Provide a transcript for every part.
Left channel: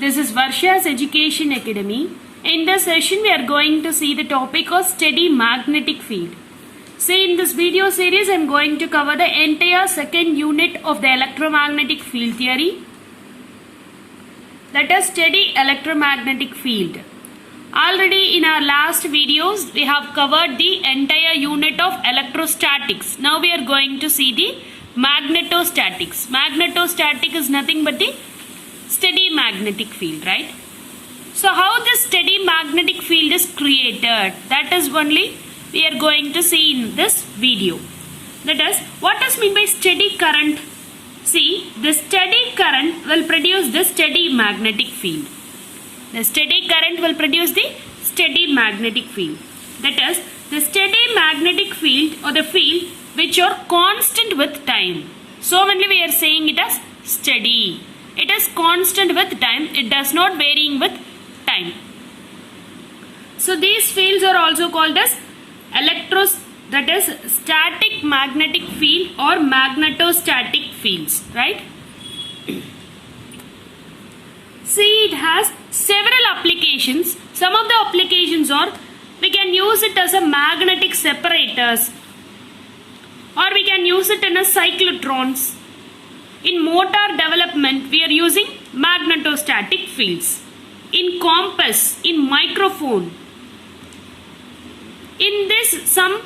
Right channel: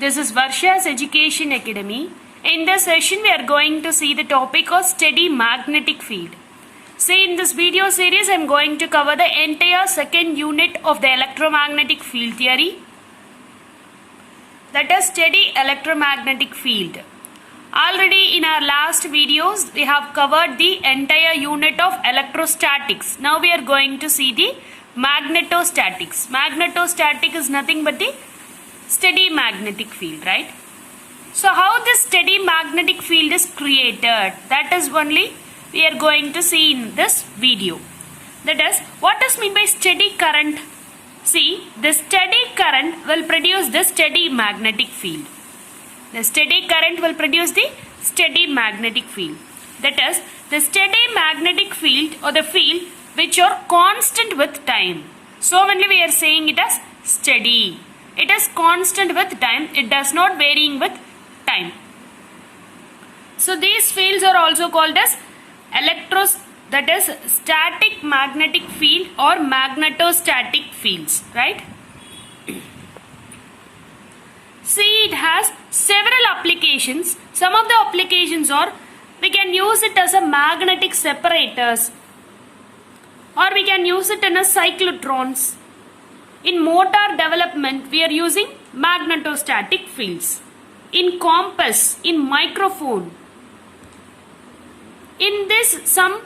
This is Varsha's Education Academy. In this session, we are going to see the topic of steady magnetic field. See, in this video series, I am going to cover the entire second unit of the electromagnetic field theory. That is steady electromagnetic field. Already in our last videos, we have covered the entire unit of electrostatics. Now we are going to see the magnetostatics. Magnetostatic is nothing but the steady magnetic field, right? So how this steady magnetic field is created, that is only we are going to see in this video. That is, what is meant by steady current? See, the steady current will produce the steady magnetic field. The steady current will produce the steady magnetic field. That is, the steady magnetic field or the field which are constant with time. So only we are saying it as steady. It is constant with time. It does not varying with time. So these fields are also called as that is static magnetic field or magnetostatic fields, right? See, it has several applications. Some of the applications are we can use it as a magnetic separators, or we can use it in a cyclotrons. In motor development, we are using magnetostatic fields. In compass, in microphone. In this, some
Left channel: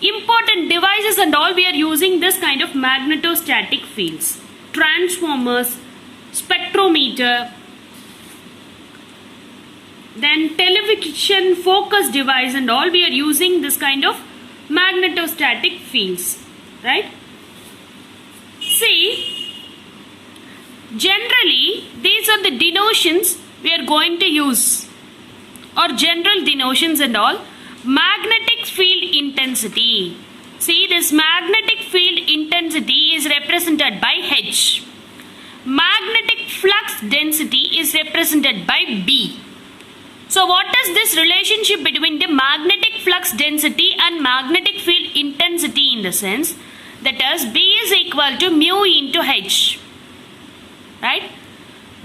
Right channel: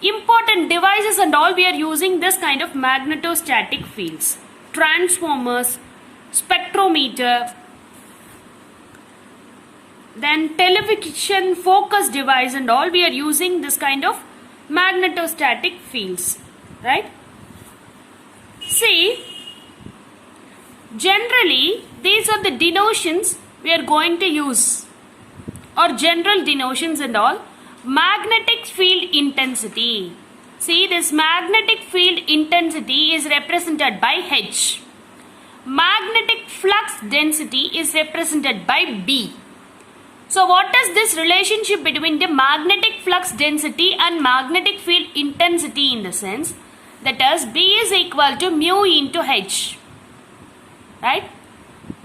important devices and all, we are using this kind of magnetostatic fields. Transformers, spectrometer, then television focus device and all, we are using this kind of magnetostatic fields, right? See, generally these are the denotions we are going to use, or general denotions and all. Magnetic field intensity. See, this magnetic field intensity is represented by H. Magnetic flux density is represented by B. So what is this relationship between the magnetic flux density and magnetic field intensity in the sense that is B is equal to mu into H, right?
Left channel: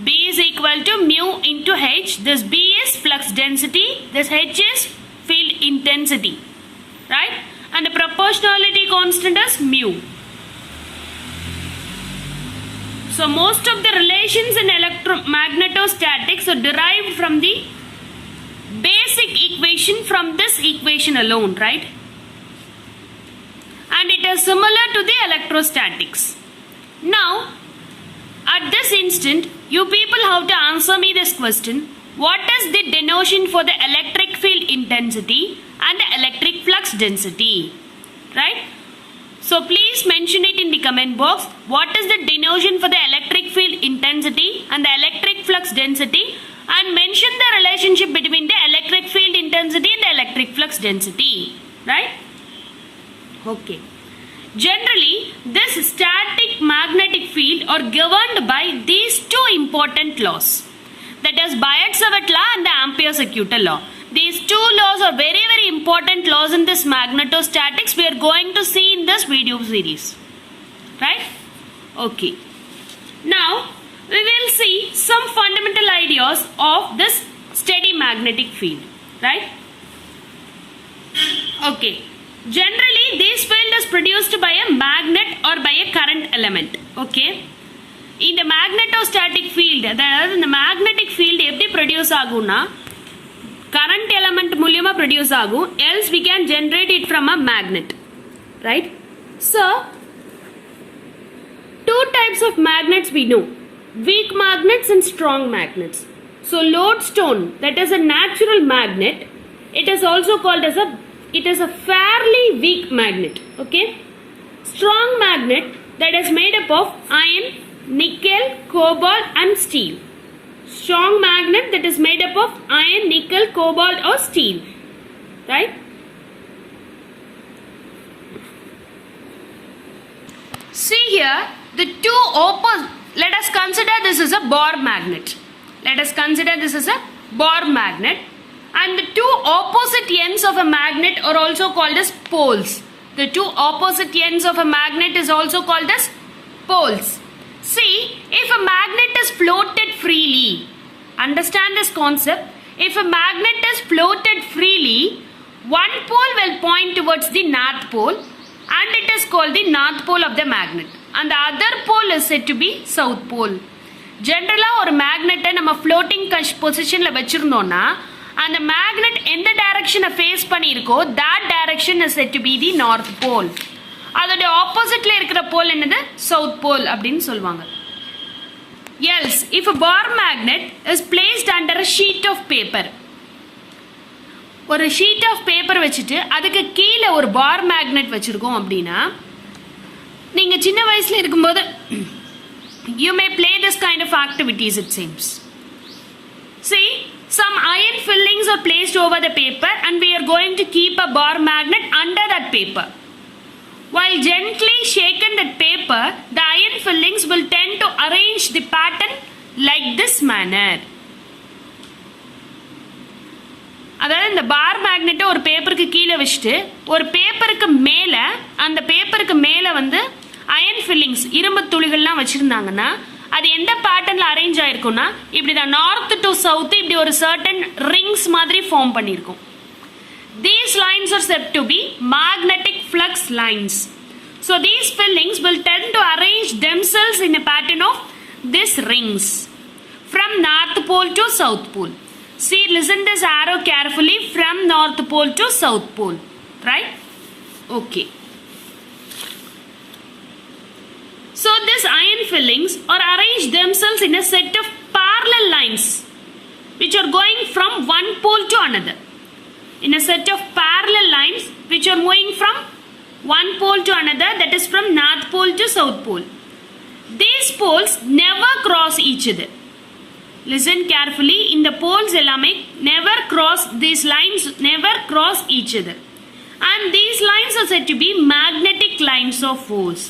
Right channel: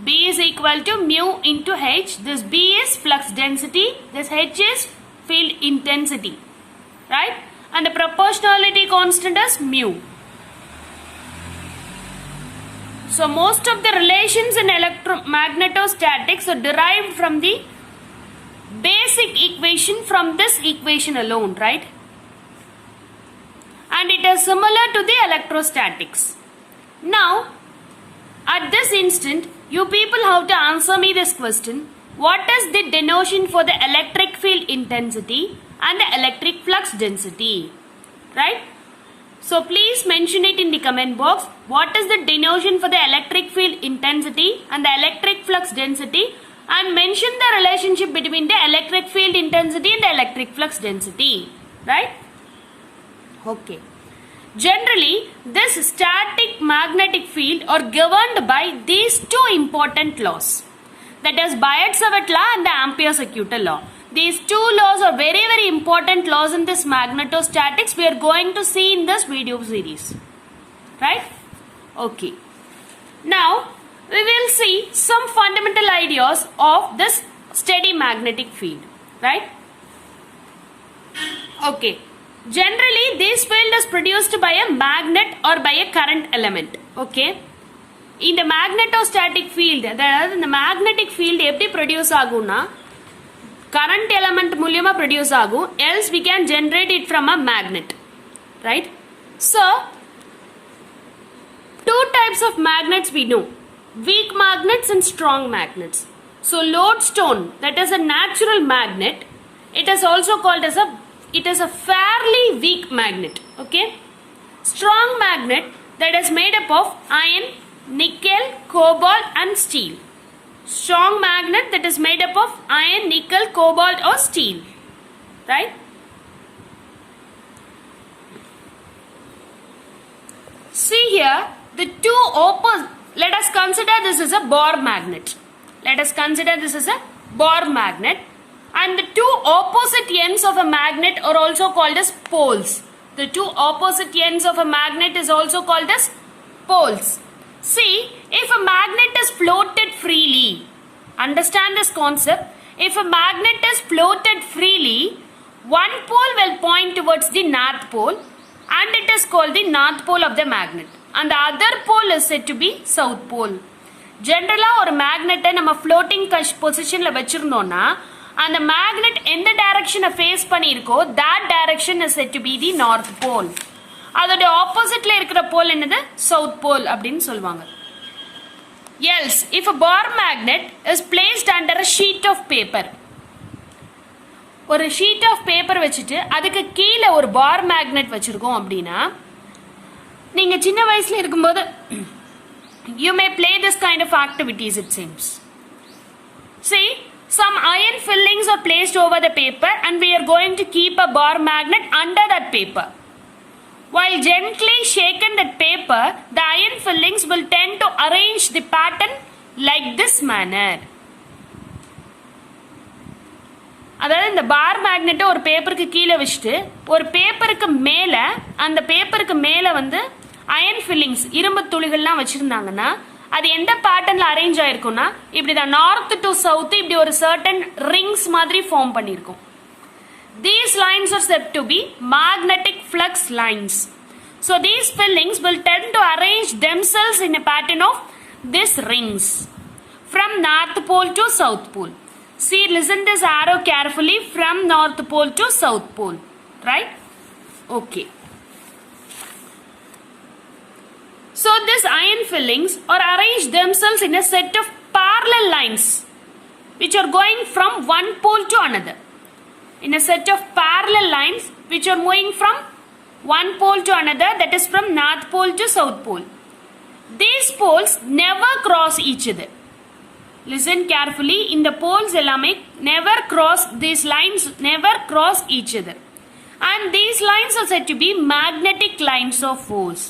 B is equal to mu into H. This B is flux density, this H is field intensity, right? And the proportionality constant is mu. So most of the relations in electromagnetostatics are derived from the basic equation from this equation alone, right? And it is similar to the electrostatics. Now, at this instant, you people have to answer me this question. What is the denotion for the electric field intensity and the electric flux density? Right? So please mention it in the comment box. What is the denotion for the electric field intensity and the electric flux density? And mention the relationship between the electric field intensity and the electric flux density. Right? Okay. Generally, this static magnetic field are governed by these two important laws. That is Biot-Savart law and the Ampere-Circuital law. These two laws are very, very important laws in this magnetostatics. We are going to see in this video series. Right? Okay. Now, we will see some fundamental ideas of this steady magnetic field. Right? Okay. Generally, this field is produced by a magnet or by a current element. Okay. In the magnetostatic field, that is in the magnetic field, எப்படி produce ஆகும்னா current element மூலியமா produce ஆகும், else we can generate it from a magnet, right? So, two types of magnets we know, weak magnets and strong magnets. So, lodestone, that is a natural magnet, it is also called as a fairly weak magnet, okay? Strong magnet, that is made up of iron, nickel, cobalt and steel. Strong magnet that is made up of iron, nickel, cobalt or steel. Right? See here, the two opposite. Let us consider this is a Bohr magnet. Let us consider this is a Bohr magnet. And the two opposite ends of a magnet are also called as poles. The two opposite ends of a magnet is also called as poles. See, if a magnet is floated freely, Understand this concept. If a magnet is floated freely, one pole will point towards the north pole and it is called the north pole of the magnet. And the other pole is said to be south pole. Generally, ஒரு மேக்னெட்டை நம்ம floating பொசிஷனில் வச்சிருந்தோம்னா அந்த magnet எந்த டைரக்ஷனை face பண்ணியிருக்கோ that direction is said to be the north pole. அதோட ஆப்போசிட்ல இருக்கிற போல் என்னது south pole அப்படின்னு சொல்லுவாங்க. Else, if a bar magnet is placed under a sheet of paper, ஒரு ஷீட் ஆஃப் பேப்பர் வச்சுட்டு அதுக்கு கீழே ஒரு பார் மேக்னெட் வச்சிருக்கோம் அப்படின்னா நீங்க சின்ன வயசுல இருக்கும்போது you may play this kind of activities, it seems. See, some iron fillings are placed over the paper and we are going to keep a bar magnet under that paper. While gently shaken that paper, the iron fillings will tend to arrange the pattern like this manner. அதாவது இந்த பார் மேக்னெட்டை ஒரு பேப்பருக்கு கீழே வச்சுட்டு ஒரு பேப்பருக்கு மேலே அந்த பேப்பருக்கு மேலே வந்து அயன் ஃபில்லிங்ஸ் இரும்பு துளிகள்லாம் வச்சுருந்தாங்கன்னா அது எந்த பேட்டர்னில் அரேஞ்ச் ஆயிருக்கும்னா இப்படி தான் நார்த் டு சவுத் இப்படி ஒரு சர்டன் ரிங்ஸ் மாதிரி form பண்ணியிருக்கும். These lines are said to be magnetic flux lines. So these fillings will tend to arrange themselves in a pattern of these rings from north pole to south pole. See, listen this arrow carefully, from north pole to south pole, right? Okay. So these iron fillings are arranged themselves in a set of parallel lines which are going from one pole to another. In a set of parallel lines which are moving from one pole to another, that is from north pole to south pole. These poles never cross each other. Listen carefully, in the poles ellame never cross, these lines never cross each other. And these lines are said to be magnetic lines of force.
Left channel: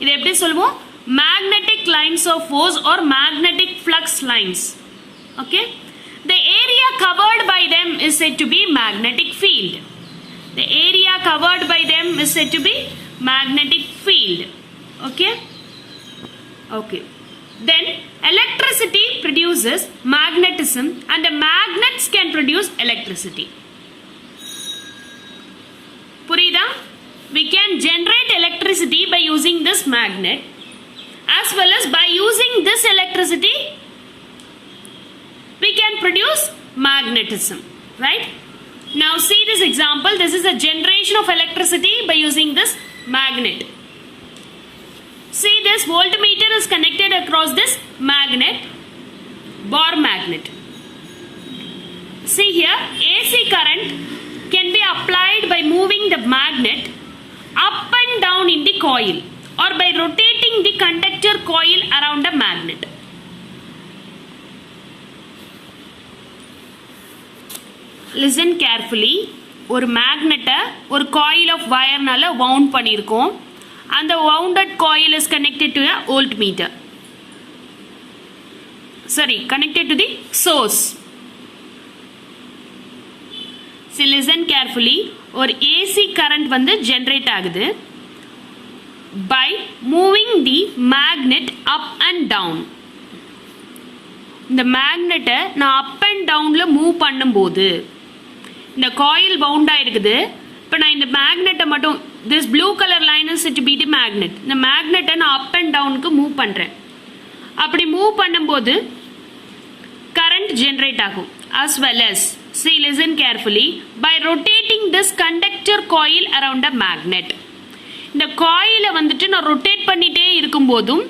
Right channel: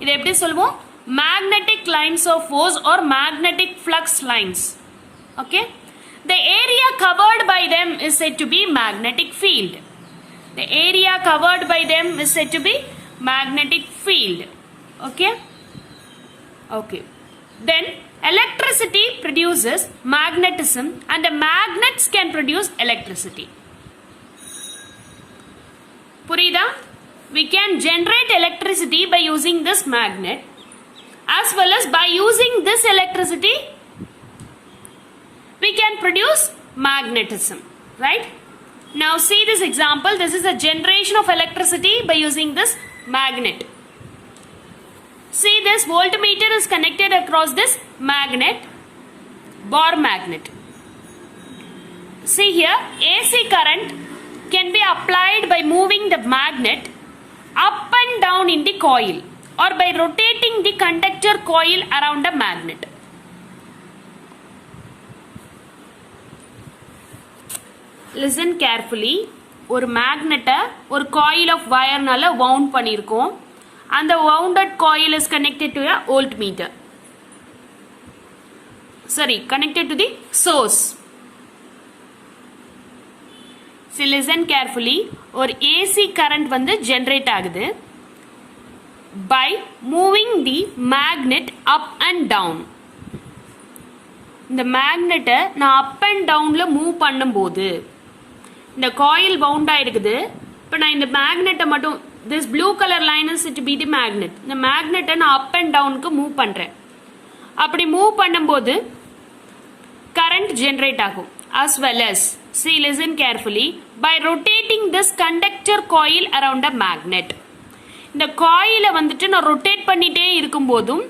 இது எப்படி சொல்லுவோம்? Magnetic lines of force or magnetic flux lines. Okay? The area covered by them is said to be magnetic field. The area covered by them is said to be magnetic field. Okay? Okay. Then electricity produces magnetism and the magnets can produce electricity. Purida? We can generate electricity by using this magnet as well as by using this electricity we can produce magnetism, right? Now see this example. This is a generation of electricity by using this magnet. See, this voltmeter is connected across this magnet, bar magnet. See here, AC current can be applied by moving the magnet up and down in the coil or by rotating the conductor coil around the magnet. Listen carefully. ஒரு மேக்னெட்டை ஒரு coil of wireனால wound பண்ணியிருக்கோம். And the wounded coil is connected to a voltmeter. Sorry, connected to the source. So listen carefully. ஒரு AC current வந்து generate ஆகுது by moving the magnet up and down. இந்த மேக்னெட்டை நான் up and downல move பண்ணும்போது இந்த coil பவுண்டாக இருக்குது. இப்போ நான் இந்த மேக்னெட்டை மட்டும் this blue colour line is it be the magnet. இந்த மேக்னெட்டை நான் அப் அண்ட் டவுனுக்கு மூவ் பண்ணுறேன். அப்படி மூவ் பண்ணும்போது கரண்ட் ஜென்ரேட் ஆகும். As well as see listen carefully by rotating this conductor coil around a magnet. இந்த காயிலை வந்துட்டு நான் ரொட்டேட் பண்ணிகிட்டே இருக்கும்போதும்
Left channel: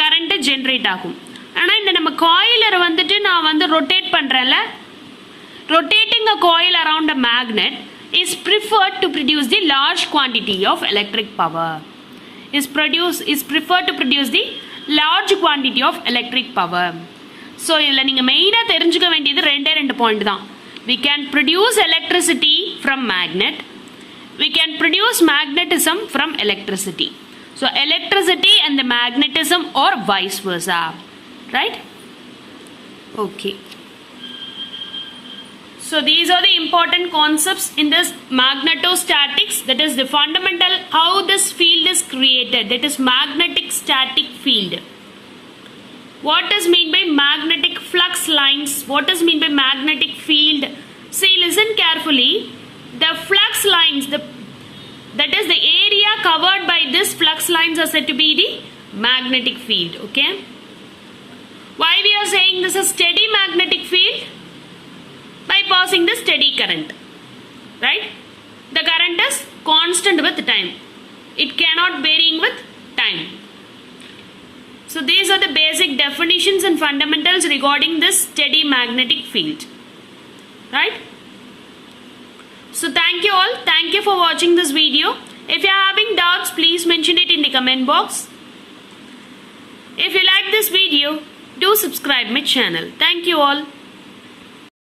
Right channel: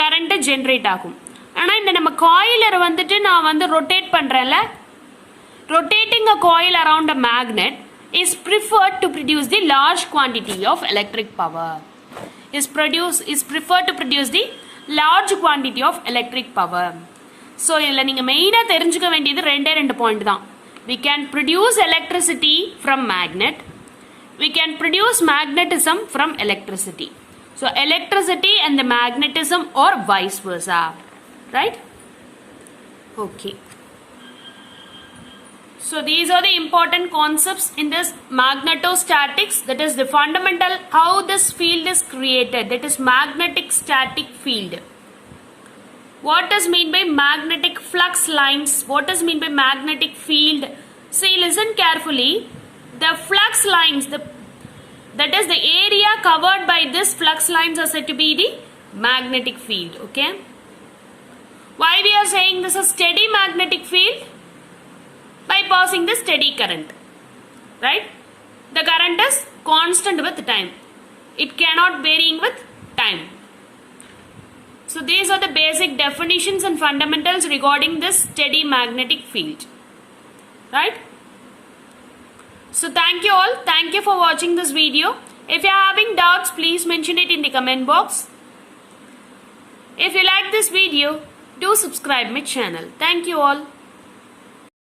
கரண்ட்டு ஜென்ரேட் ஆகும். ஆனால் இந்த நம்ம காயிலரை வந்துட்டு நான் வந்து rotate பண்ணுறேன்ல, rotating a coil around a magnet is preferred to produce the large quantity of electric power. Is preferred to produce the large quantity of electric power. So இதில் நீங்கள் மெயினாக தெரிஞ்சுக்க வேண்டியது ரெண்டு பாயிண்ட் தான். We can produce electricity from magnet. We can produce magnetism from electricity. So electricity and the magnetism or vice versa. Right? Okay. So these are the important concepts in this magnetostatics, that is the fundamental how this field is created, that is magnetic static field. What does mean by magnetic flux lines? What does mean by magnetic field? See, listen carefully. The flux lines, that is the area covered by this flux lines are said to be the magnetic field. Okay. Why we are saying this is steady magnetic field? By passing the steady current. Right? The current is constant with time. It cannot varying with time. So these are the basic definitions and fundamentals regarding this steady magnetic field. Right? So thank you all. Thank you for watching this video. If you are having doubts, please mention it in the comment box. If you like this video, do subscribe my channel. Thank you all.